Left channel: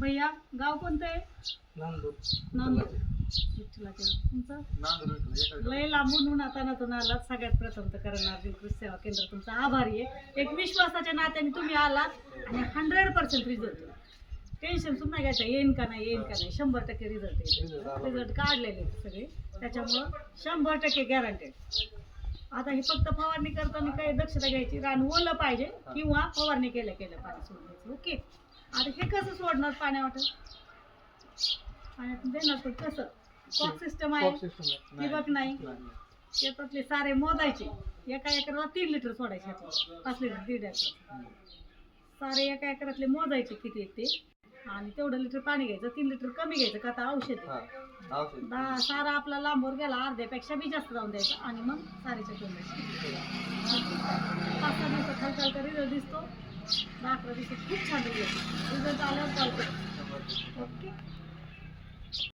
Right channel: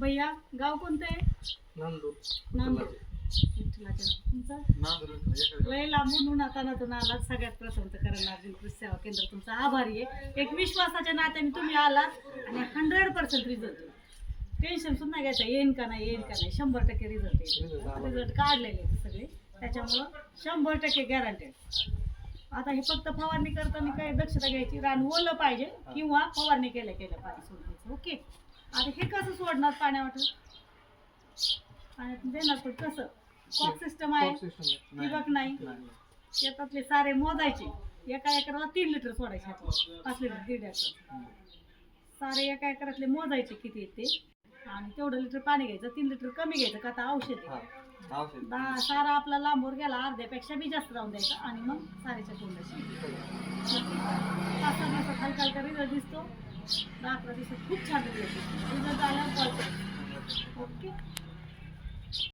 भैया गाव कोणतं आहे? नांदूर. नांदूर. विठ्ठलाच्या तुमचं नांदूर लय लांबून उन्हातानातून आलात. सगळ्यात प्रथम तर करण अर्जुन कृषी सेवा केंद्र तुमचा आभारी आहे. एक विश्वासाच्या नात्याने तुम्ही आलात आणि 100% रिझल्ट. टेन्शन सुद्धा नाही घ्यायचं येईन का नाही, येईन का नाही. 100% रिझल्ट येईल. रिझल्ट काढलेले आहेत सगळे, त्याच्यामुळं 100% गॅरंटेड. आता हे फक्त फवारणी करताना काही दक्षता घ्यायची, रान ओलं पाहिजे किंवा फवारणी केल्या पाणी सोडायचं. ओके. आता हे कसं सोडणार पाण्यावाटत? पाण्यात देणार पण कसं? कॉक सिस्टम आहे, ठिबक नाही. शेतातले सारे मोजायचे. एका एकराला 3 लिटर सोडायचे, 5 लिटर 1.5 एकर. सारे एका एकरातले मोजायचे किती येते आणि तेवढं लिटर पाणी घ्यायचं. 3 लिटर कमी घ्यायचं का आता औषध आहे. सारा आपला लांबवर गेला अर्ध्यापेक्षा बी जास्त जाऊन द्यायचा आणि मग सारेच्या तोंडाची 5-6 दिवसात हलका हलका रिझल्ट दिसतो. 10-11 दिवसात खूप छान रिझल्ट आल्यावर कॉल करतो. ओके.